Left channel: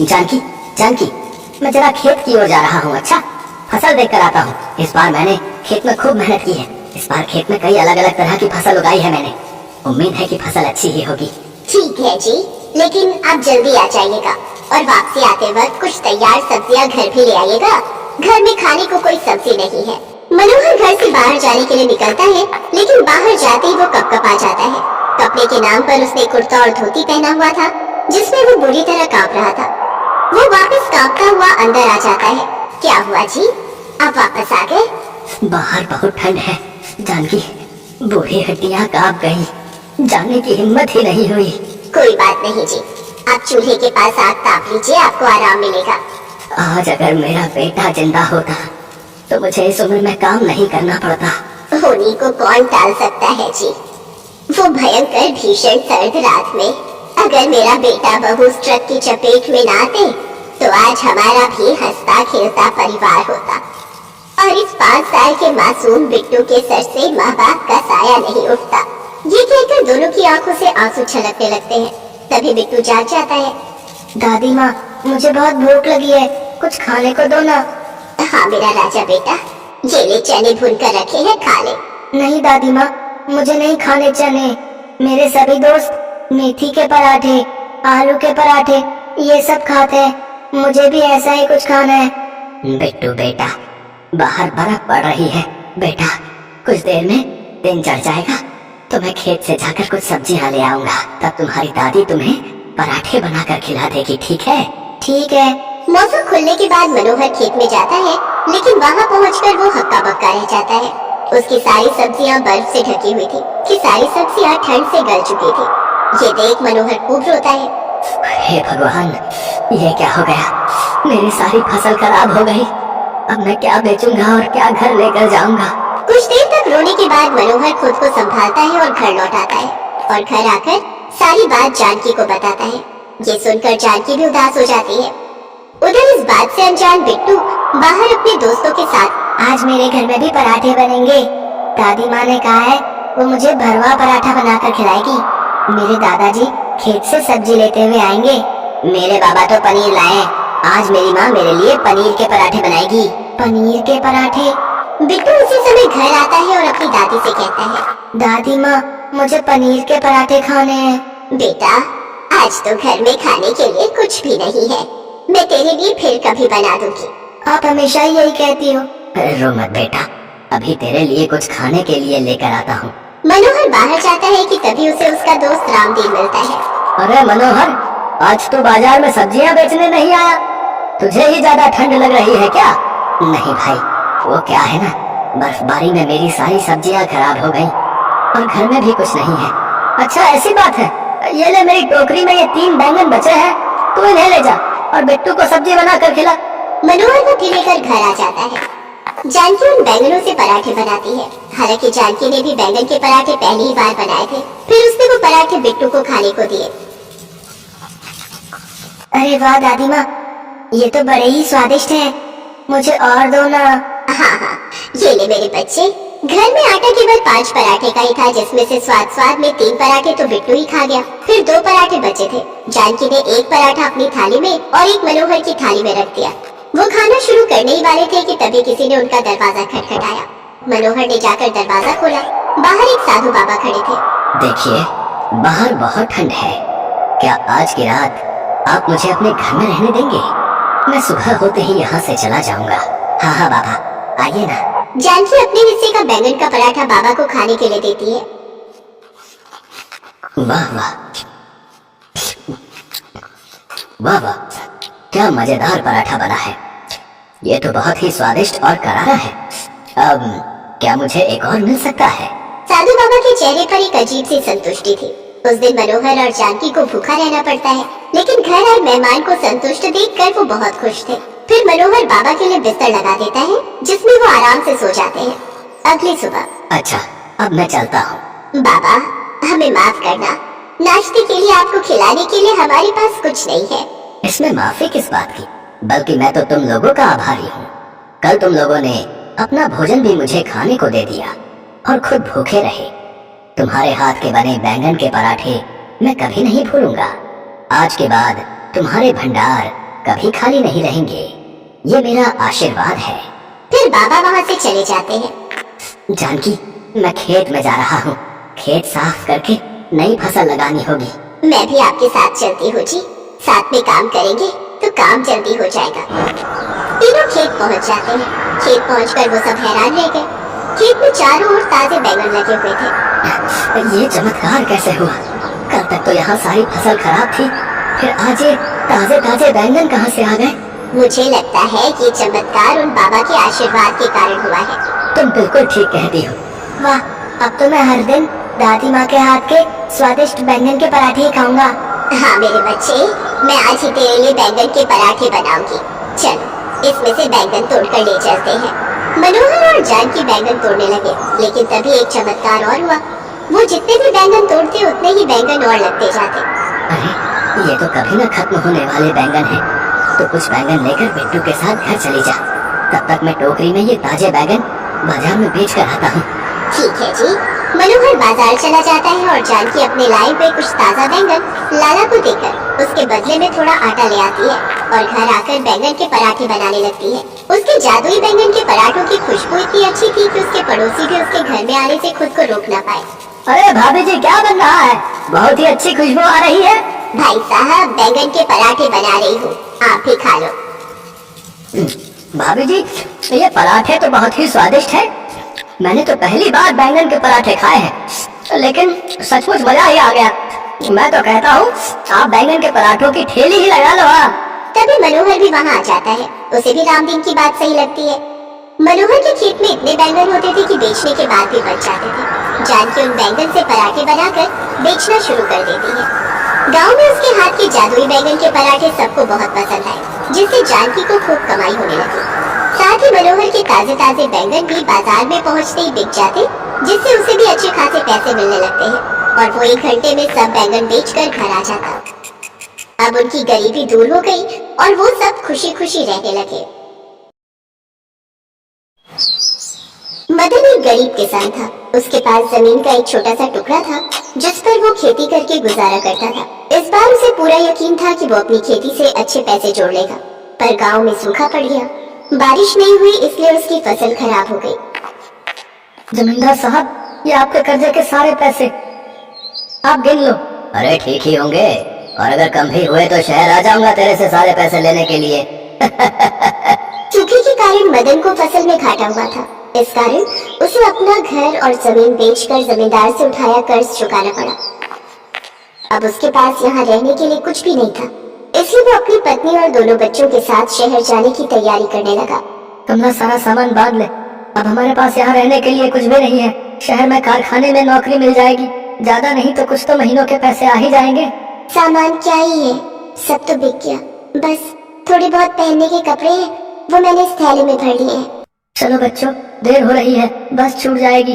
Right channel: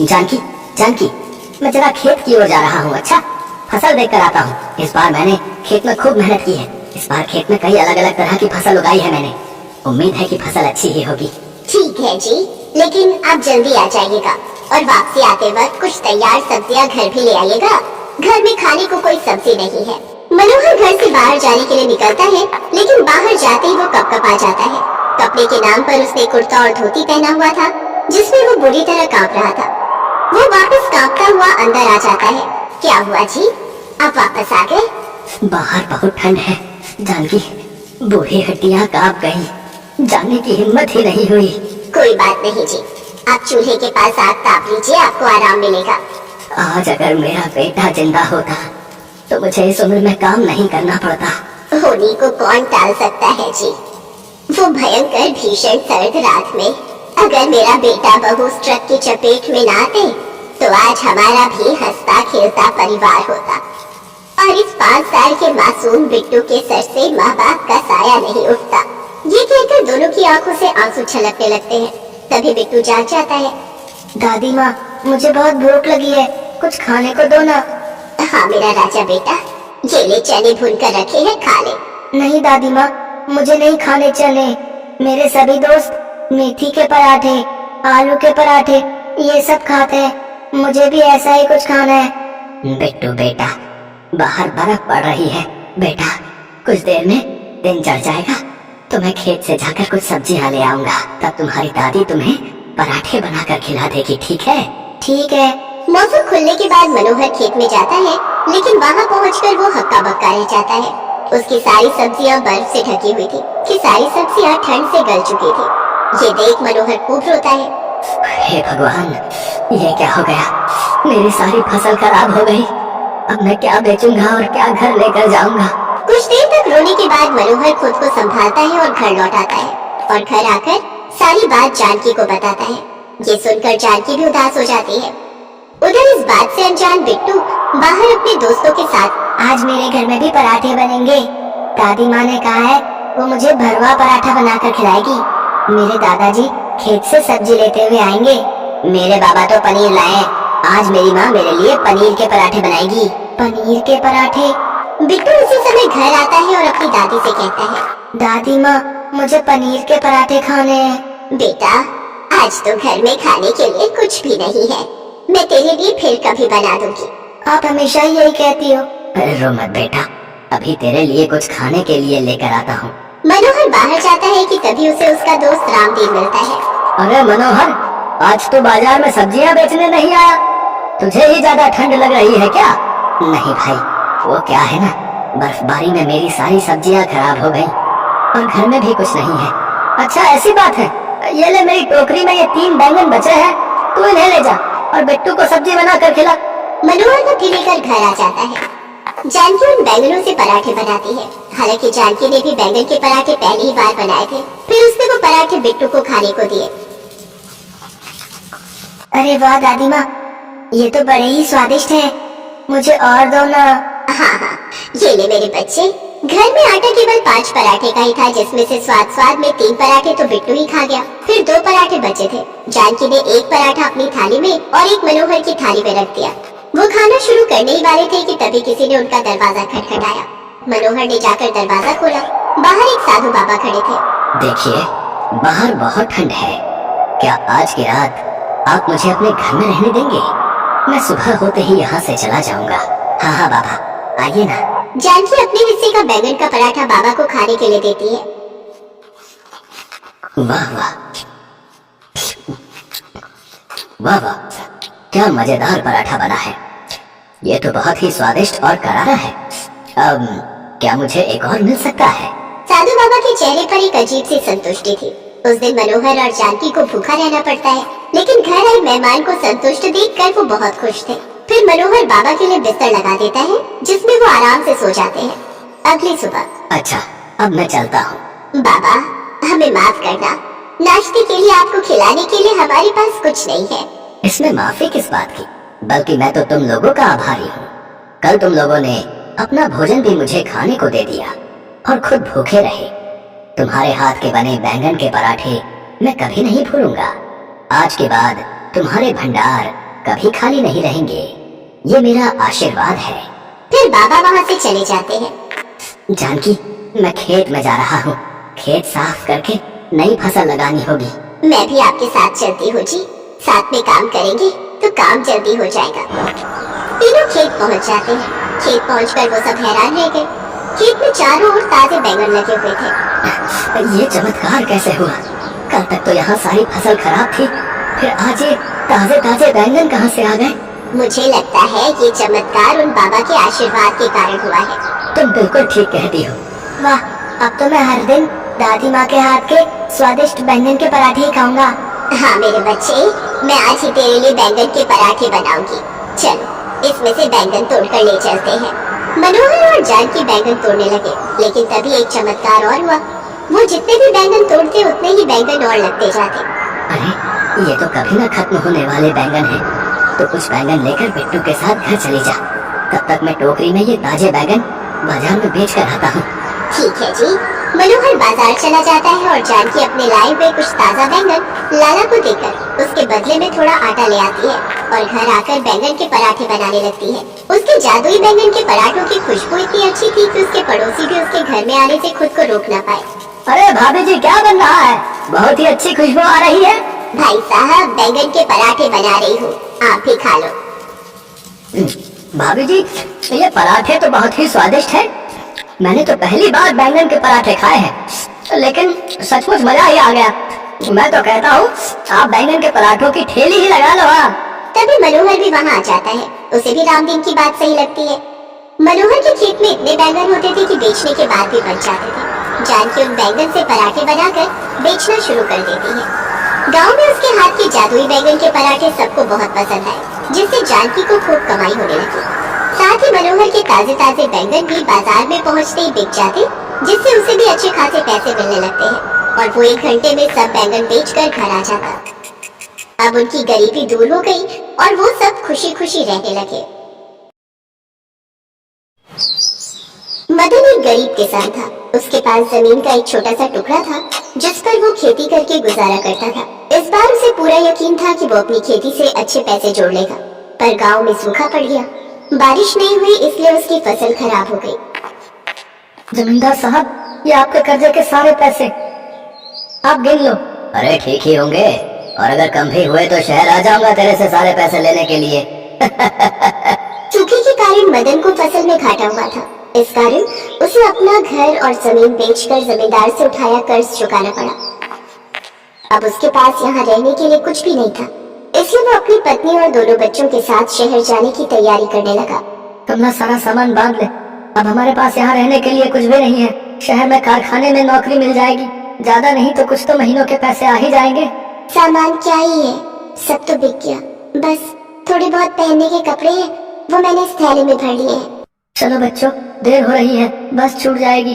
जानकी, जानकी, मैं जरा खेत की ओर जा रहा हूँ। अच्छा, फसल देख कर आता हूँ। इस बार मैंने खेत में खूब मेहनत की है। इस बार खेत में कई अलग अलग तरह की फसल उगाई है मैंने। उम्मीद है कि फसल अच्छी ही होगी। ठीक है जी, लेकिन आप जल्दी आ जाइएगा और वापसी आते वक्त कुछ तैयार सब्जियां घर भी ले आइएगा। घर में खाने को कोई सब्जी नहीं है। मनोहर घर से बाहर जाने के लिए निकलता है, लेकिन बाहर जाते ही वो कपकपा जाता है। कपड़े के नाम पर उसने कुर्ता और धोती पहना हुआ था, जिसमें वो बुरी तरह कांप रहा था। वो वापस कांपता हुआ अंदर आ जाता है। क्या हुआ जी, आप वापस आ गए? बाहर बहुत ठंड है जानकी, बूढ़ी हड्डियां कांप गई, जाने की हिम्मत ही नहीं हुई। कोई बात नहीं जी, आप चूल्हे के पास आग ताप लीजिए, आपको आराम मिलेगा। आज अगर मेरा बेटा जिंदा होता तो मुझे इस उम्र में काम नहीं करना पड़ता। होने को कौन टाल सकता है जी। वो भयंकर भीषण सर्द रात में अगर मेरा बेटा बहू उस ट्रक की चपेट में ना आते तो आज हमारा भी हंसता खेलता परिवार होता। और इस 5 साल के मासूम बिट्टू के सर से माँ बाप का साया नहीं उठता। ये कहकर दोनों की आंखों से आंसू छलकने लगते हैं। तभी बिट्टू जाग जाता है। दादी माँ, मुझे बहुत भूख लगी है, कुछ खाने को दो ना। हाँ मेरा राजा बेटा, ये ले चने भून कर रखे हैं, खा ले। नहीं दादी माँ, मुझे नहीं खाने चने। मेरे सभी दोस्त मेथी के पराठे, आलू के पराठे ये सब खाते हैं, मुझे भी ऐसा ही कुछ खाना है। बिट्टू बेटा, बाहर बर्फ पड़ रही है बेटा, कुछ देर में दिन चढ़ जाएगा तो मैं खेत से जाकर कुछ सब्जियां ले आऊंगा। तब तुम्हारी दादी तुम्हें पराठे बनाकर खिला देगी, ठीक है? ठीक है। मौसम खुलने के बाद मनोहर खेत में जाता है, लेकिन वहाँ पहुँचकर वो हक्का बक्का रह जाता है। उसकी सारी सब्जियां बर्फ से ढकी हुई थी कि सारी सब्जियां ठंड से गल चुकी थी। ये देख मनोहर खूब रोता है। हे भगवान, ये क्या हो गया? मेरी सारी फसल खराब हो गई। अब मैं क्या बेचूंगा और क्या घर लेकर जाऊंगा? कुछ देर तक रोने के बाद मनोहर खुद को संभालता है और घर लौट आता है और घर आकर सारी बात जानकी को बताता है। ये सुनकर जानकी भी उदास हो जाती है। उधर इस बात से अनजान बिट्टू बाहर अपने दोस्तों के साथ, आज मेरे घर में भी पराठे बनेंगे। दादी माँ ने कहा है वो मुझे भरवा पराठा बनाकर खिलाएगी। मेरे दादाजी खेत से सब्जी लेते हुए आएंगे। मेरे बाबा तो पनीर लाए, आज मेरी माँ मेरे लिए पनीर के पराठे बनाएगी। पनीर के पराठे? बिट्टू उसी समय घर आता है और अपनी दादी से कहता है, दादी माँ, मुझे पनीर के पराठे खाने हैं। बेटा, आज तो घर में खाने के लिए कुछ भी नहीं है, मैं तेरे लिए फिर कभी बना दूंगी। आप हमेशा ही यही कहती हो। रो मत बेटा, अभी तेरे लिए कुछ खाने के लिए लेकर आता हूँ। मनोहर बाहर जाता है कि तभी उसे उसका दोस्त रामदेव मिलता है। अरे मनोहर, आज तो बाजार में सब्जियां बेचने नहीं आया, तुझे ही ज्यादा ठंड लग रही है क्या? नहीं भाई, वो क्या है ना, बर्फबारी में मेरी सारी सब्जियां खराब हो गई और घर में भी कुछ नहीं है। अच्छा ऐसी बात है, ये ले मेरी टोकरी में ये 3 बैंगन बचे हैं, तू इन्हें ले जा और बिट्टू को सब्जी बना कर खिला। मनोहर वो लेकर घर आ जाता है। जानकी उन बैंगनों से पराठे बनाती है। हालांकि जानकी ने भी बैंगन के पराठे पहली ही बार बनाए थे। फिर उसने वो पराठे बिट्टू को खाने को दिए। अरे वाह दादी माँ, ये तो बड़े ही स्वादिष्ट हैं, मुझे और दो ना। हाँ, ये ले मेरे बच्चे। घर में आटा केवल 5 पराठे का ही था, जिसमें से स्वाद में 3 पराठे तो बिट्टू ही खा गया। फिर 2 पराठे बचे थे। जानकी ने 1 पराठा अपनी थाली में और 1 मनोहर की थाली में रख दिया। वो खाना शुरू करने ही वाले थे कि तभी किसी ने उनका दरवाजा खटखटाया। मनोहर ने जाकर दरवाजा खोला। बाहर एक साधु बाबा खड़े थे। देखिए, बाहर बहुत ठंड है, क्या आज की रात आप मुझे अपने घर में रहने देंगे? मैं सुबह होते ही यहाँ से चला जाऊंगा। हाँ बाबा, आइए ना। जानकी अपने हिस्से का बैंगन का पराठा बाबा को खाने के लिए देती है। वाह वाह वाह वाह, क्या मजेदार पराठा बना है। ये तो बहुत ही स्वादिष्ट और करारा है। अब क्या मुझे एक और मिल सकता है? साधु बाबा के चेहरे पर एक अजीब सी संतुष्टि थी। उस दिन मनोहर और जानकी को भूखा रहना पड़ता है, लेकिन घर आए मेहमान को संतुष्ट देखकर वो बहुत खुश थे। फिर मनोहर बाबा के लिए बिस्तर लगा देता है, जिसमें वो आराम से सो जाते हैं। अगली सुबह, अच्छा अब मैं चलता हूँ। बाबा, हमें माफ करना, नाश्ते के लिए आपको खिलाने के लिए हमारे पास कुछ नहीं है। इसमें माफी किस बात की, बल्कि मैं तो तुम लोगों का आभारी हूँ। कल तुम लोगों ने अपना भोजन भी मुझे खाने को दे दिया और खुद भूखे रहे। तुम्हारे हाथ के बने बैंगन के पराठे मैं कभी नहीं भूलूंगा। आज के बाद तुम्हारे भंडार कभी खाली नहीं रहेंगे, ये मेरा आशीर्वाद है। फिर बाबा वहाँ से चले जाते हैं। जानकी, मैं खेत में जा रहा हूँ, खेत साफ करके नई फसल लगानी होगी। मैं भी आपके साथ चलती हूँ जी, साथ में काम करेंगे तो काम जल्दी हो जाएगा। तीनों खेत पहुँच जाते हैं। खेत पहुँचकर वो सब हैरान रह गए। खेत में चारों ओर ताजे बैंगन लगे हुए थे। ये चमत्कार कैसे हुआ? कल तक तो यहाँ सारी फसल खराब थी, फिर आज ये ताजे ताजे बैंगन कहाँ से आ गए? मुझे लगता है ये चमत्कार उन बाबा के आशीर्वाद के कारण हुआ है। तुम बिल्कुल ठीक कहती हो। वाह, अब तो मैं हर दिन दादी माँ के हाथ के स्वादिष्ट बैंगन के पराठे ही खाऊंगा। हाँ मेरे बच्चे, मैं आज ही तेरे लिए बैंगन के पराठे बनाऊंगी। चलो इसमें से बैंगन तोड़कर ले चलते हैं। मनोहर और जानकी बैंगन तोड़ने लगे, लेकिन तभी एक चमत्कार और हुआ। वो जितने भी बैंगन तोड़ते उतने ही बैंगन और लगते जाते। अरे, ये तो कभी न खत्म होने वाले बैंगन हैं। तो कुछ बैंगन लेकर बिट्टू के साथ घर चली जा, तब तक मैं टोकरी में ये ताजे बैंगन बाजार में बेच कर आता हूँ। ठीक है जी। मनोहर बाजार चला जाता है और जानकी अपने लाए हुए कुछ ताजा बैंगन लाला को देकर उसके बदले में थोड़ा आटा ले आती है और घर आकर बैंगन के पराठे बनाने लगती है। उसके जादुई बैंगन के पराठों की खुशबू इतनी अच्छी थी कि उसके पड़ोसी भी उसके घर में आने से खुद को रोक न पाए। अरे भाभी जी, क्या बन रहा है? बहुत ही अच्छी खुशबू आ रही है। भाई साहब, बैंगन के पराठे बना रही हूँ, आप भी खा लो। भाभी जी, ये पराठे तो बहुत ही स्वादिष्ट है। मैंने तो पहली बार बैंगन के पराठे खाए हैं, लेकिन सचमुच मजा ही आ गया। मैं तो कहता हूँ आप बैंगन के पराठों की ठेली ही लगा लो। तभी मनोहर भी वहाँ आ जाता है। उसे भी रामदीन की बात सही लगती है। मनोहर के खेत में इतने बैंगन होते थे कि बेचने के बाद भी बच जाते थे। जानकी उन बैंगन से पराठे बनाकर बेचना शुरू कर देती है। गांव में उसके हाथ के जादुई बैंगन के पराठे सबको बहुत पसंद आए, जिससे जानकी को खूब कमाई होने लगी। साथ ही मनोहर के ताजे ताजे बैंगन भी बाजार में पहुंचते ही बिक जाते, जिससे उसे भी अच्छे खासे पैसे मिलने लगते हैं और वो 1 घंटे में सब बैंगन बेचकर घर आ जाता। अब उनकी गरीबी दूर हो गई और वो सब खुशी खुशी रहने लगे। मदन एक गरीब किसान था। उसके पास जमीन का एक छोटा सा टुकड़ा था, जिस पर वो खेती करके गुजारा करता था। इस बार उसे पूरा यकीन था कि वो अपनी खेती से अच्छे पैसे जोड़ लेगा, पर गांव में सूखा पड़ गया। बारिश नहीं हुई, इसलिए उसकी फसल खराब हो गई। जमींदार साहब, ये आपके कर्जे के सारे पैसे, आप गिन लो। अरे ठीक ही होंगे, और अगर कम भी हुए तो शहर आ जाऊंगा तेरे से सारे पैसे लेने के लिए। सूखे के कारण मदन को फसल में घाटा हुआ था। इस कारण उसे अपना घर और जमीन बेचकर जमींदार से उठाया कर्ज चुकाना पड़ा। अब उसके पास यहाँ रहने के लिए कुछ भी नहीं था, इसलिए वो अपनी पत्नी और दोनों बच्चों के साथ शहर जाने की तैयारी करने लगा। तुम सारा सामान बांध ले, अब हमारे पास यहाँ रहने के लिए कुछ भी नहीं है। शहर में कारखाने में नौकरी मिल जाएगी, ज्यादा नहीं तो कुछ तो महीनों के पैसे आ ही जाएंगे। सामान क्या ही है, सब तो बिक गया। बस थोड़े बहुत पहनने के कपड़े हैं, वो मैंने इस थैले में भर लिए हैं। चलो बच्चों, देर हो रही है, बस छूट जाएगी।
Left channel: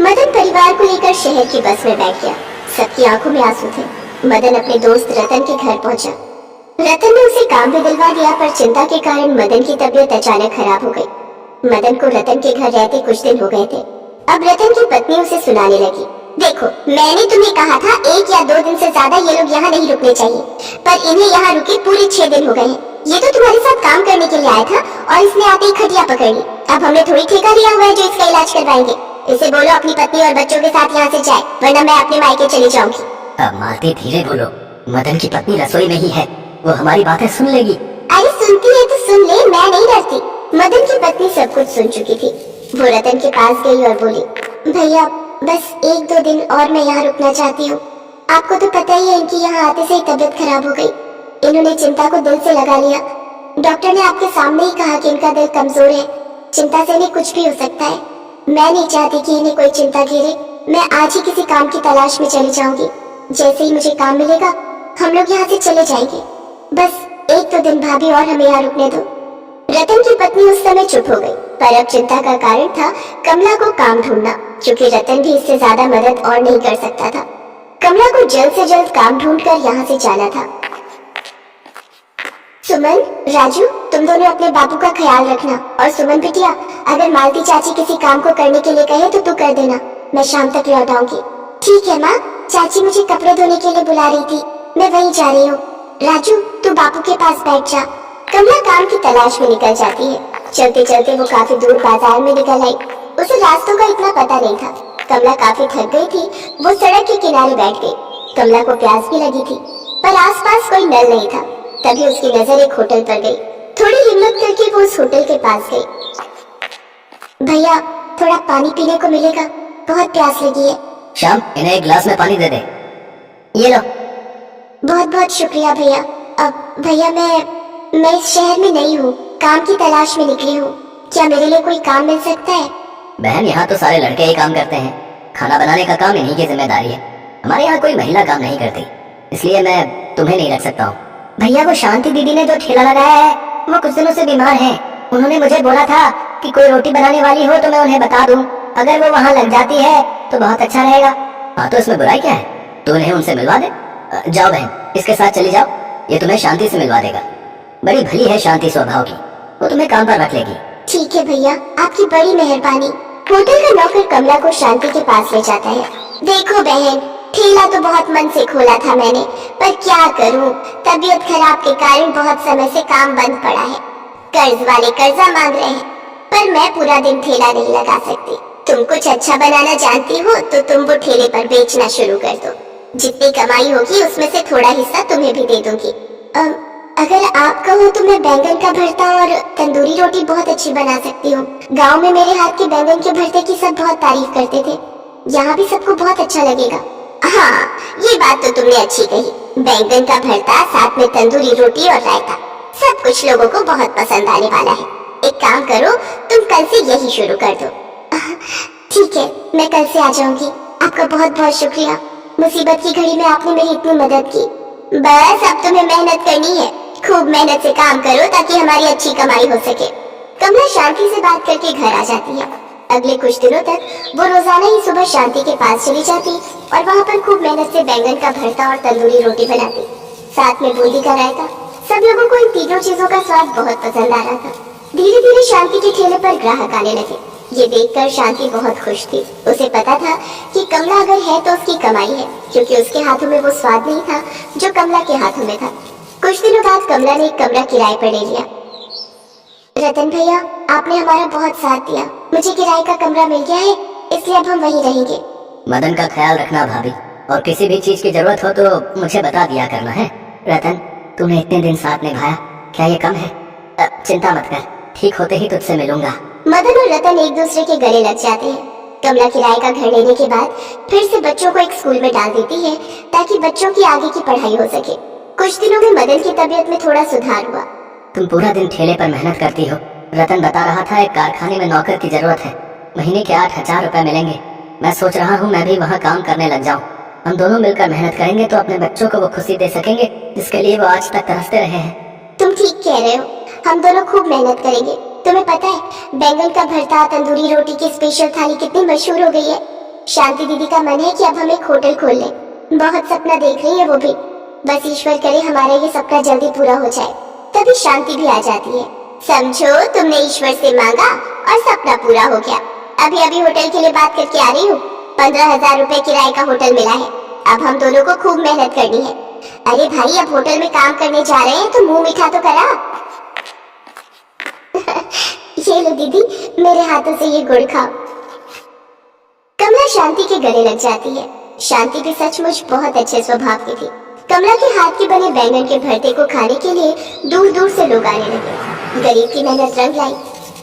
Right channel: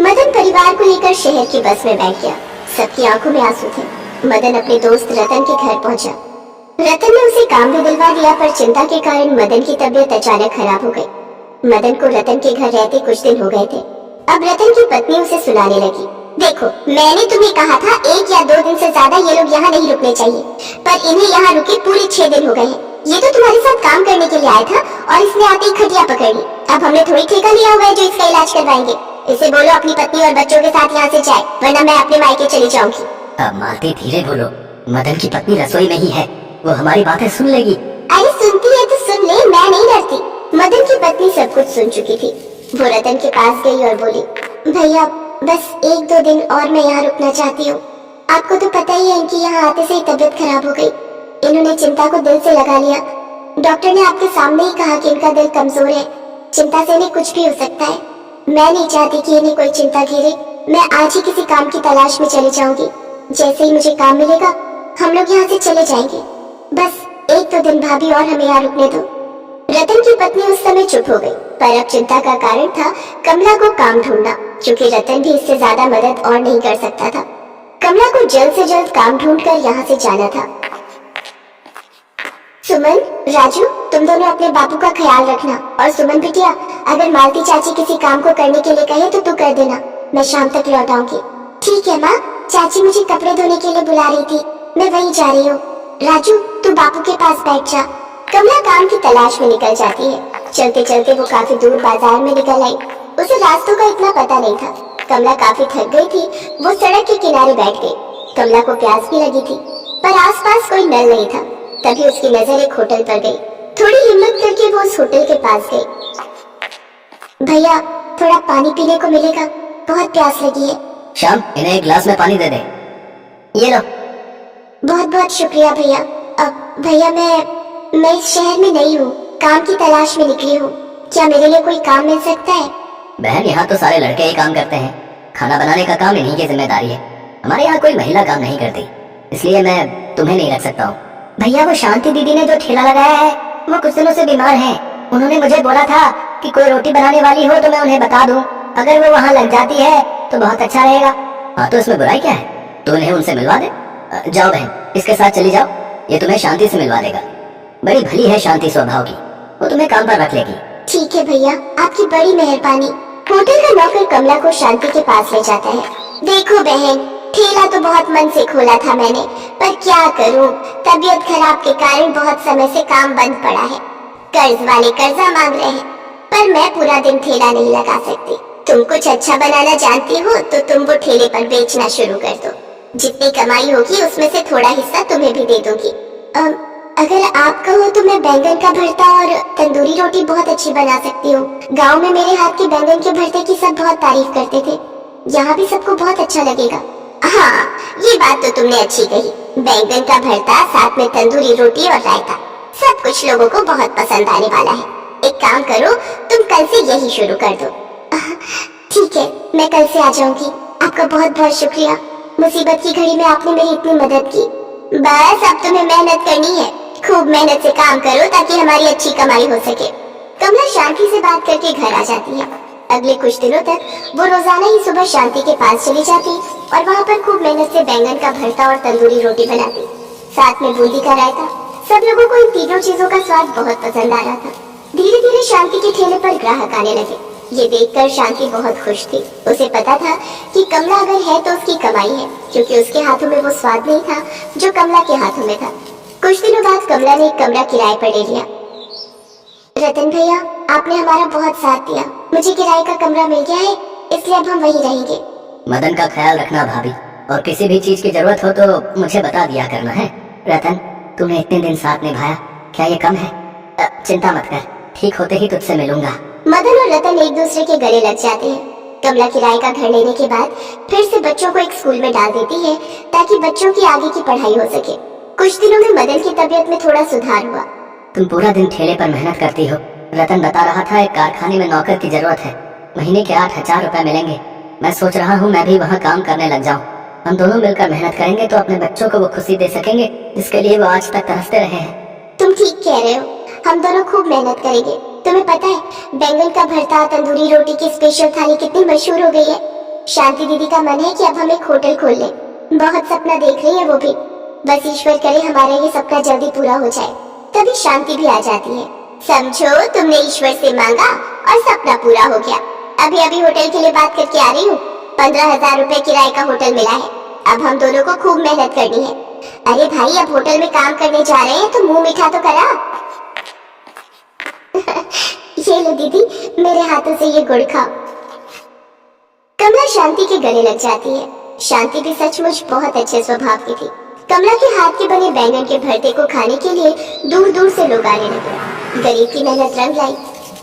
मदन परिवार को लेकर शहर की बस में बैठ गया। सबकी आंखों में आंसू थे। मदन अपने दोस्त रतन के घर पहुंचा। रतन ने उसे काम भी दिलवा दिया, पर चिंता के कारण मदन की तबीयत अचानक खराब हो गई। मदन को रतन के घर रहते कुछ दिन हो गए थे। अब रतन की पत्नी उसे सुनाने लगी, देखो मैंने तुम्हें कहा था 1 या 2 दिन से ज्यादा ये लोग यहाँ नहीं रुकने चाहिए, पर इन्हें यहाँ रुके पूरे 6 दिन हो गए हैं। ये तो तुम्हारे साथ काम करने के लिए आया था और इसने आते ही खटिया पकड़ ली। अब हमने थोड़ी ठेका लिया हुआ है जो इसका इलाज करवाएंगे। इसे बोलो अपनी पत्नी और बच्चों के साथ यहाँ से जाए, वरना मैं अपने मायके चली जाऊंगी। अब मालती, धीरे बोलो, मदन की पत्नी रसोई में ही है, वो हमारी बातें सुन लेगी। अरे सुनती है तो सुन ले, मैं नहीं डरती। मदन की पत्नी सब कुछ सुन चुकी थी। वो रतन के पास गई और बोली, भैया बस 1-2 दिन और मैं यहाँ रुकना चाहती हूँ। आपको तो पता ही है इनकी यहाँ आते से ही तबीयत खराब हो गई। इन्होंने चिंता को दिल से लगा लिया। डॉक्टर ने आपके सामने ही कहा कि इनका दिल कमजोर है, चिंता से इन्हें कुछ भी हो सकता है। मैं नहीं चाहती कि इन्हें कोई चिंता घेरे। मैं आज ही किसी काम की तलाश में चली जाऊंगी। जैसे ही मुझे काम मिलेगा हम लोग यहाँ से चले जाएंगे। बस 1-2 दिन भाभी और हमें यहाँ रुकने दो। रतन की पत्नी उस समय चुप हो गई, पर अब चिंता का कारण था कमला को काम ढूंढना, क्योंकि रतन भी इससे ज्यादा मदद और नहीं कर सकता था। कमला को जल्द से जल्द काम ढूंढकर यहाँ से जाना था। सुमन, राजू, तुम दोनों अपने बापू का ख्याल रखना। और सुमन बिटिया, अगर मालती चाची किसी काम को करने के लिए कहे तो तू कर देना। मैं शाम तक लौट आऊंगी। ठीक है माँ, चाची मुझे कपड़े धोने के लिए बुला रही थी, मैं वहीं जा रही हूँ। राजू, तू बापू के पास बैठ जा, कमला काम की तलाश में निकल जाती है। चलते चलते वो काफी दूर बाजार में निकल आई। उसे रास्तों का इतना पता नहीं था। कमला काफी थक गई थी। वो सड़क के किनारे बैठ गई। कमला को प्यास भी लगी थी, पर आसपास कोई नल नहीं था। तभी उसकी नजर एक होटल पर गई। थोड़ी हिम्मत करके वो उस होटल के पास गई। भैया, थोड़ा पानी पीने को मिलेगा? बहुत प्यास लगी है। श्याम, इन्हें एक गिलास में पानी दे दे। ये लो। बहुत बहुत शुक्रिया भैया। अब भैया, मैं इस शहर में नहीं हूँ, काम की तलाश में निकली हूँ। क्या मेरे लिए कोई काम मिल सकता है? बहन, यहाँ तो सारे लड़के ही काम करते हैं। खाना बनाने का काम इन्हीं की जिम्मेदारी है। हमारे यहाँ कोई महिला काम नहीं करती, इसलिए मैं तुम्हें नहीं रख सकता हूँ। भैया, वो शांति दीदी ने जो ठेला लगाया है, वो कुछ दिनों से बीमार हैं। उन्होंने मुझे बोला था कि कोई रोटी बनाने वाली हो तो मैं उन्हें बता दूं। अगर वो वहाँ लग जाती है तो बहुत अच्छा रहेगा। हाँ, तो इसमें बुराई क्या है? तू इन्हें उनसे मिलवा दे। जाओ बहन, इसके साथ चली जाओ। ये तुम्हें शांति से मिलवा देगा। बड़ी भली है शांति स्वभाव की, वो तुम्हें काम पर रख लेगी। ठीक है भैया, आपकी बड़ी मेहरबानी। होटल का नौकर कमला को शांति के पास ले जाता है। देखो बहन, ठेला तो बहुत मन से खोला था मैंने, पर क्या करूं, तबीयत खराब के कारण बहुत समय से काम बंद पड़ा है। कर्ज वाले कर्जा मांग रहे हैं, पर मैं पूरा दिन ठेला नहीं लगा सकती। तुम कुछ अच्छा बनाना जानती हो तो तुम वो ठेले पर बेचना शुरू कर दो। जितनी कमाई होगी उसमें से थोड़ा हिस्सा तुम्हें भी दे दूंगी। अगर आप कहो तो मैं बैंगन का भरता और तंदूरी रोटी बहुत अच्छी बना सकती हूँ। गाँव में मेरे हाथ के बैंगन के भरते की सब बहुत तारीफ करते थे। यहाँ भी सबको बहुत अच्छा लगेगा। हाँ, ये बात तो तुमने अच्छी कही। बैंगन का भरता साथ में तंदूरी रोटी और रायता, सब कुछ लोगों को बहुत पसंद आने वाला है। एक काम करो, तुम कल से यही शुरू कर दो। ठीक है, मैं कल से आ जाऊंगी। आपका बहुत बहुत शुक्रिया। मुसीबत की घड़ी में आपने मेरी इतनी मदद की। बस अब तुम्हें मेहनत करनी है। खूब मेहनत से काम करो ताकि हमारी अच्छी कमाई हो सके। कमला शांति से बात करके घर आ जाती है। अगले कुछ दिनों तक वो रोजाना ही सुबह शांति के पास चली जाती और वहाँ पर खूब मेहनत से बैंगन का भरता और तंदूरी रोटी बनाती, साथ में बूंदी का रायता। सब लोगों को इन तीनों चीजों का स्वाद बहुत पसंद आ रहा था। धीरे धीरे शांति के ठेले पर ग्राहक आने लगे। ये देखकर शांति बहुत खुश थी। उसे पता था कि कमला अगर है तो उसकी कमाई है, क्योंकि उसके हाथों में वो स्वाद नहीं था जो कमला के हाथों में था। कुछ दिनों बाद कमला ने एक कमरा किराए पर ले लिया। रतन भैया, आपने हमारा बहुत साथ दिया। मुझे किराए का कमरा मिल गया है, इसलिए अब हम वहीं रहेंगे। मदन का ख्याल रखना भाभी, और किसी भी चीज की जरूरत हो तो मुझे बता दिया करना है। रतन, तूने इतने दिन साथ निभाया, क्या ये कम है? चिंता मत कर, ठीक होते ही तुझसे मिलूंगा। मदन और रतन एक दूसरे के गले लग जाते हैं। कमला किराए का घर लेने के बाद फिर से बच्चों को एक स्कूल में डाल देती है ताकि बच्चों की आगे की पढ़ाई हो सके। कुछ दिनों में मदन की तबीयत में थोड़ा सुधार हुआ। तुम पूरा दिन ठेले पर मेहनत करती हो। रतन बता रहा था एक कारखाने में नौकर की जरूरत है, महीने के 8,000 रुपए मिलेंगे। मैं सोच रहा हूँ मैं भी वहाँ काम करने लग जाऊँ। हम दोनों मिलकर मेहनत करेंगे तो अपने बच्चों को वो खुशी दे सकेंगे जिसके लिए वो आज तक तरसते रहे हैं। तुम ठीक कह रहे हो, हम दोनों खूब मेहनत करेंगे। तुम्हें पता है बैंगन का भरता तंदूरी रोटी की स्पेशल थाली कितनी मशहूर हो गई है। शांति दीदी का मन है कि अब हम एक होटल खोल लें। बहुत सपना देख रही है वो भी। बस ईश्वर करे हमारा ये सपना जल्दी पूरा हो जाए। तभी शांति भी आ जाती है। समझो, तुमने ईश्वर से मांगा और सपना पूरा हो गया। अभी अभी होटल के लिए बात करके आ रही हूँ। 15,000 रुपए किराए का होटल मिला है। अब हम दोनों को खूब मेहनत करनी है। अरे भाई, अब होटल में काम करने जा रहे हैं तो मुंह मीठा तो करा। ये लो दीदी, मेरे हाथों से ये गुड़ खाओ। कमला शांति के गले लग जाती है। शांति भी सचमुच बहुत अच्छे स्वभाव की थी। कमला के हाथ के बने बैंगन के भरते को खाने के लिए दूर दूर से लोग आने लगे। गरीब की मेहनत रंग लाई।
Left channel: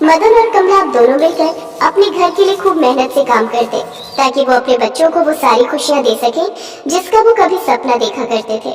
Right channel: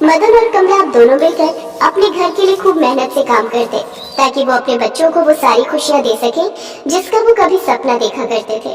मदन और कमला अब दोनों मिलकर अपने घर के लिए खूब मेहनत से काम करते ताकि वो अपने बच्चों को वो सारी खुशियां दे सके जिसका वो कभी सपना देखा करते थे।